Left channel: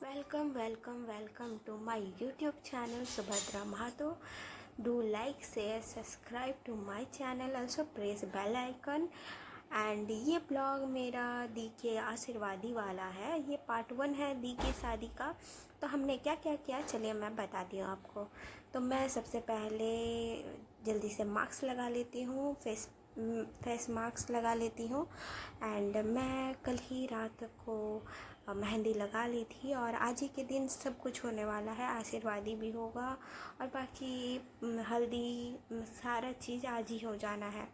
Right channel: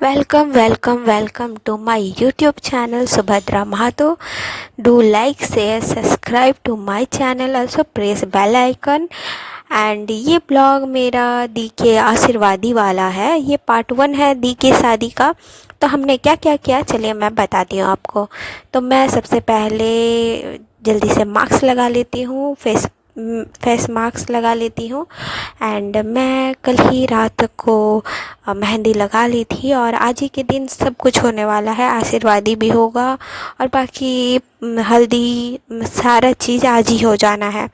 Welcome, welcome, welcome to my YouTube channel Subhadra Mahato. Do like, share, subscribe to my channel. Also press bell icon. And ये blog मेरा दी के आशीर्वादी वाला है। ये part 1 है दी की शादी का। तो हमने क्या क्या किया चलिए मैं बताती हूँ आपको। तो मैं सबसे पहले जल्दी से मास्क लगा लेती हूँ, फेस मास्क लगा लेती हूँ। एंड मैं कल ही रात को मेहंदी लगा ली थी और आज ही के दिन सब कुछ होने वाला है। आशीर्वादी भी होगा और बाकी हल्दी सारा चीज़ आज ही हो जाना है।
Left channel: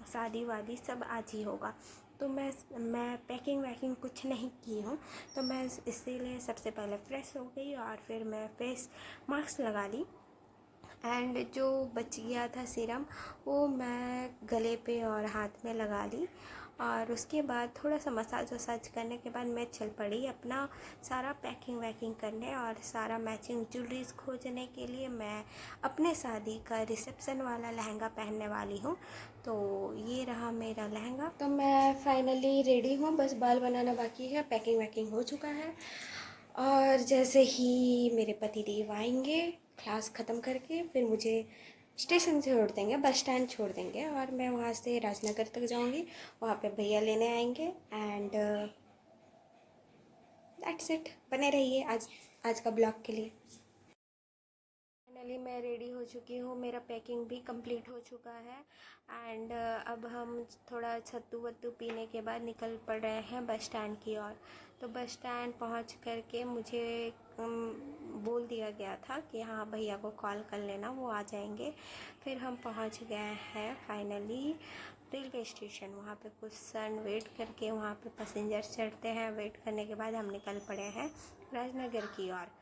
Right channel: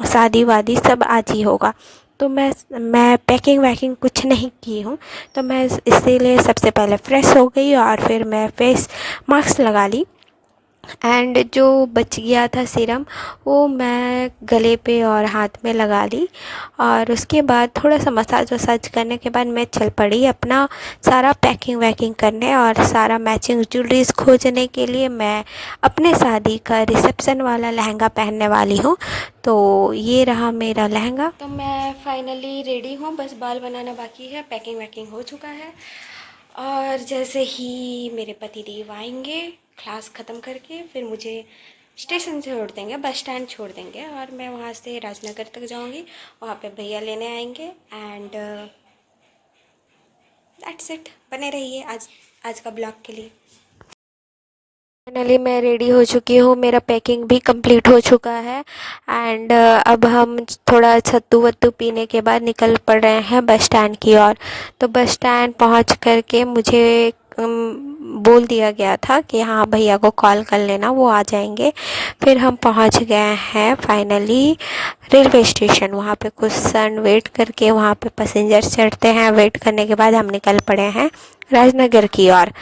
शादी वादी सब आज ही होगा। तो मैं पैकिंग वैकिंग कुछ नहीं की हूँ। तो मैं इसीलिए सबसे पहले फ्रेश हो गई और फिर मैं फेस मास्क लगा ली। एंड जो बच गया था सीरम वो मैं गले पे और हाथ में लगा ली। और उसके बाद थोड़ा सा मसाज वसाज करने के बाद मैं चल पड़ी अपना सारा पैकिंग वैकिंग करने और सारा मैचिंग ज्वेलरीज खोजने के लिए। मैं अपने शादी का रिसेप्शन वाला लहंगा पहनने वाली हूँ। तो ये रहा मेरा लहंगा। तो मैं फाइनली रेडी हूँ, बस बाल बनाना बाकी है, पैकिंग वैकिंग हो चुका है। और जैसे ही मेरे पति देव आएंगे क्लास ख़त्म करके फिर मुझे स्टेशन से छोड़ देंगे, बस स्टैंड छोड़ देंगे और मैं वहाँ से राजनगर तक जाऊँगी। वहाँ पे भैया लेने आएंगे एंड दैट्स इट। बने रहिए आज का ब्लॉग के लिए। फाइनली मैं रेडी हो चुकी हूँ, मेरा पैकिंग भी कंप्लीट हो चुका है। एंड अब हम थोड़ा सत्तू वत्तू पीने के बाद निकल पड़ रहे हैं बस स्टैंड की ओर। तो बस स्टैंड पहुँच करके मुझे बोल दिया गया था कि हाँ भैया को कॉल कर लेना, वो आ जाएंगे। फिर हम पहुँच गए हैं फाइनली रेलवे स्टेशन। वहाँ पे कुछ सन वेट करके वहाँ पे पैसेंजर चढ़ते हैं, वेट करने के बाद हम निकल पड़े हैं राजनगर की ओर।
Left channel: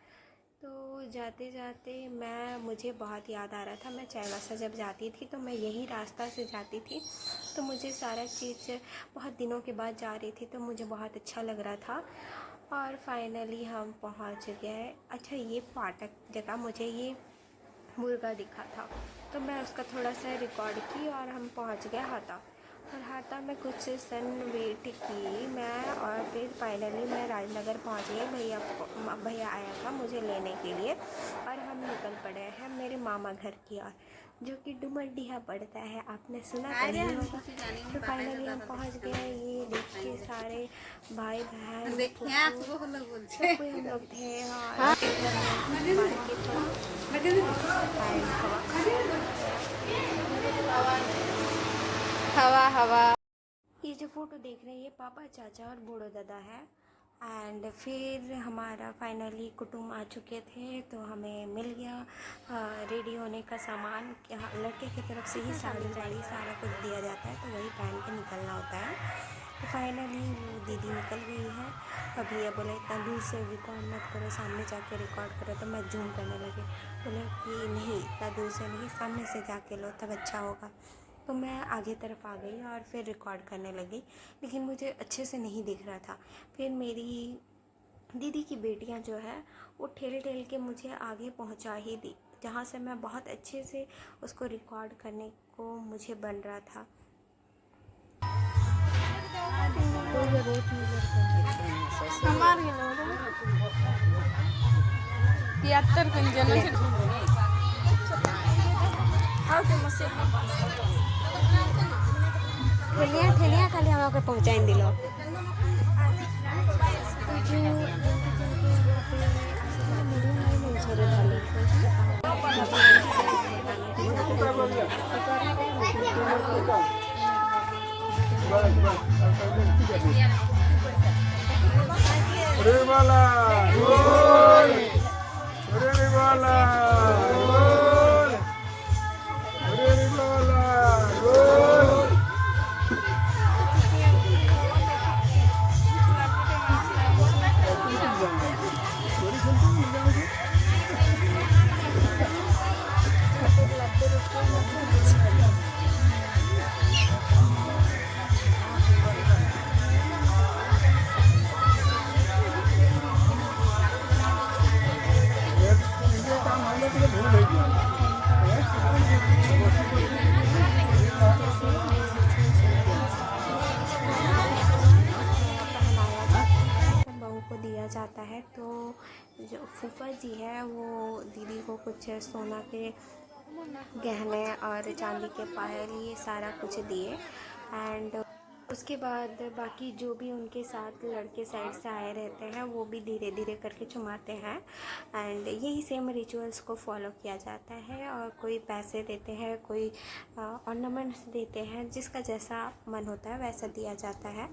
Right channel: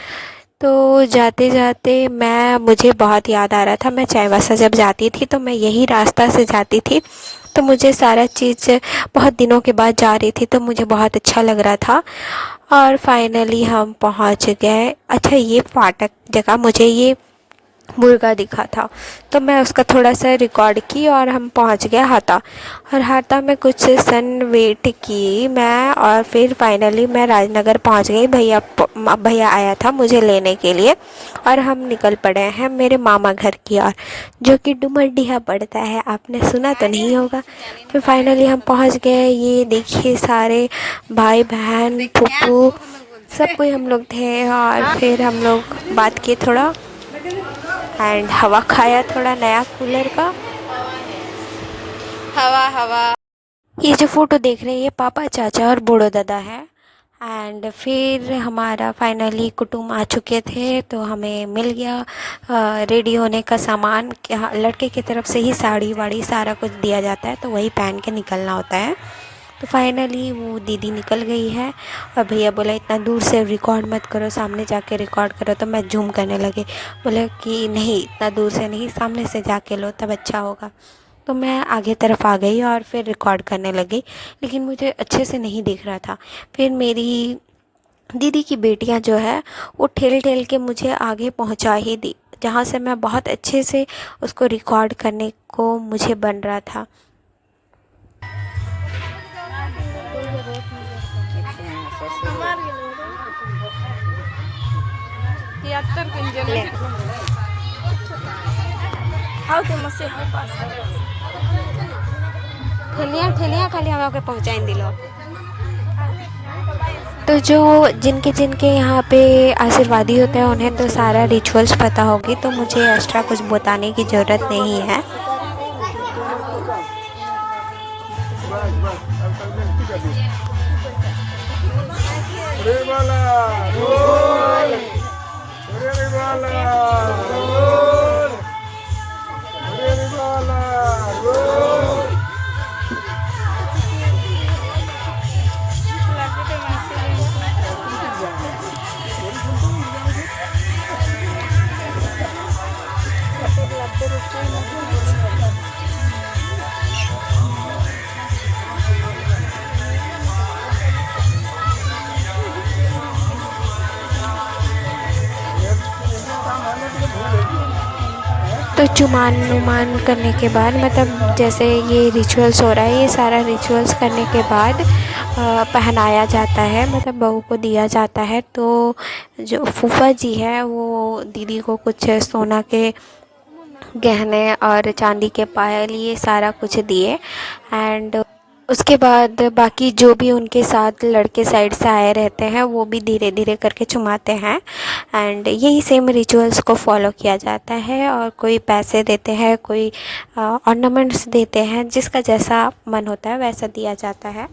तो जाते जाते मुझे बहुत याद आ रहा था, मैं चाईबासा जब जाती थी तो मैं यही रास्ता से जाती थी। तो मुझे सारा चीज़ बहुत दिनों के बाद जा रही थी तो मुझे बहुत अच्छा लग रहा था। और फाइनली हम पहुंच गए। अच्छा, ये फाटक जगह मुझे ये मुर्गा दिखा था तो मैं उसका थोड़ा सा रिकॉर्ड की और हम पहुंच गए हाता। और हाता में कुछ सन वेट की मैं और फिर फाइनली मैं राजनगर पहुंच गई। भैया आया था मुझे लेने के लिए और हम निकल पड़े हैं मेरे मामा घर की ओर, जो कि डुमरडीहा पड़ता है। आपने सुना तो नहीं होगा। फिर फाइनली हम पहुंच गए। ये देखिए सारे भाई बहन फूफू सब कोई हम लोग थे और फिर हम लोग बात किए थोड़ा एंड हवा खाया थोड़ा नया कूलर का। हवा हवा। ये जो फोटो देख रहे हैं ये पापा चाचा और बूढ़ो दादा है। एंड फिर हमारा फाइनली कुटुंब आ चुके थे तो हमें मिल गया रेडी होने का सामान। लड़के की तरफ से ही साड़ी वाड़ी सारा कुछ दिया जाता है तो वही पहन के निकलना होता है। तो फाइनली वो दीदी निकल गई है और भैया बोला इतना दूर से रिकॉर्ड मत करो, सामने जाके रिकॉर्ड करो। तो मैं जूम करने लगी, बोले कि नहीं इतना दूर से नहीं, सामने से जाके लो तब अच्छा होगा। तो मैं आगे तरफ आ गई और फिर रिकॉर्ड करने लगी, लेकिन मुझे अच्छे से नहीं दिख रहा था। फिर मेरी दीदी की बेटियां जो है वो ठेल ठेल के मुझे आगे पहुंचा ही दी, जहाँ से मैं बहुत अच्छे से उसको रिकॉर्ड करने को मुझे बन रहा था। ठेलिया खाली हम पहुँचाइन दिलो। तो जो जिनके जिनके यहाँ पे आशीर्वादी होते हैं उन्हें तो सारा रिचुअल्स पता होगी, तो मुझे एक्स्ट्रा कुछ बताने की ज़रूरत नहीं है। तो चुमान नुमान करने के बाद मतलब जैसे ये रिचुअल्स हो रहा है, ये सारा रिचुअल्स करने के बाद पहनाया जाता है, मतलब बहू को दिया जाता है। तो जो फूफा जी है वो दीदी को कुछ सोना के गहने और चांदी के पायल ये सारा कुछ दिए। एंड उसके बाद बाकी जो भी उनके साथ लड़के साइड से आए रहते हैं वो भी धीरे धीरे करके चुमाते हैं। एंड यही सेम रिचुअल्स को फॉलो किया जाता है। और कोई पैसे देते हैं, कोई ऑर्नामेंट्स देते हैं, जिसका जैसा मन होता है वैसा दिया जाता है।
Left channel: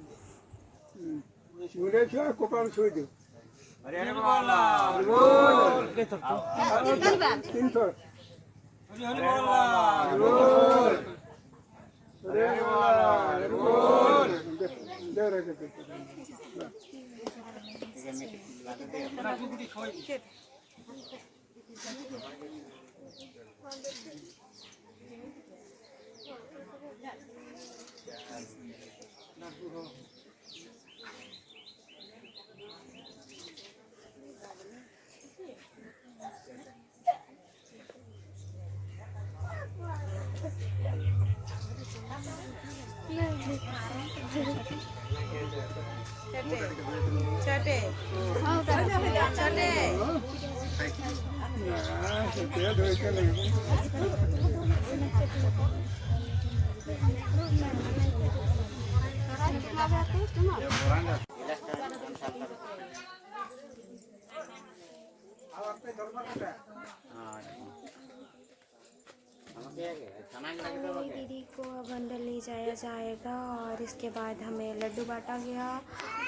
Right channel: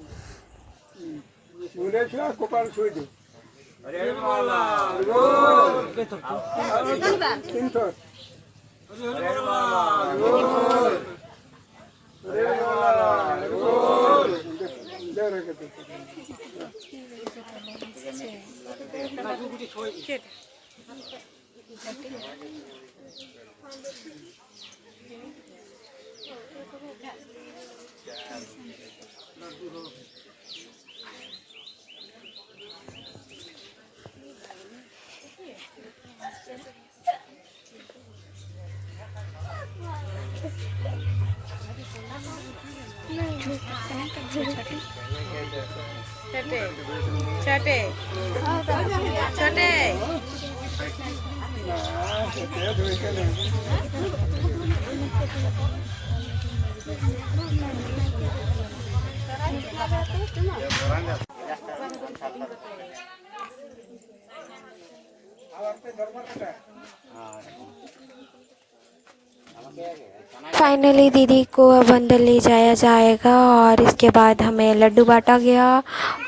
फाइनली दीदी को अब अंदर ले जाया जाएगा और इसके बाद हमें लड्डू बांटा गया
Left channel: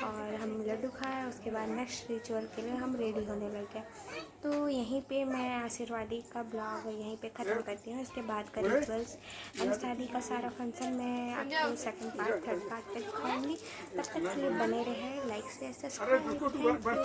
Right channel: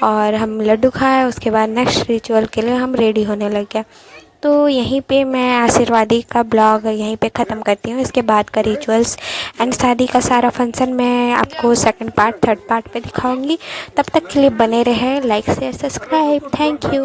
और हम लड्डू खाए। उसके बाद नेक्स्ट रिचुअल के लिए हम रेडी होने लग गए। तो यहीं पे मैं आशीर्वादी का ब्लॉग यहीं पे ख़त्म करती हूँ। इसके बाद का रिचुअल्स एंड शादी का सारा फंक्शन मैं आपको सेकंड पार्ट, थर्ड पार्ट पे दिखाऊंगी। तब तक के लिए बने रहे, like share subscribe. Thank you.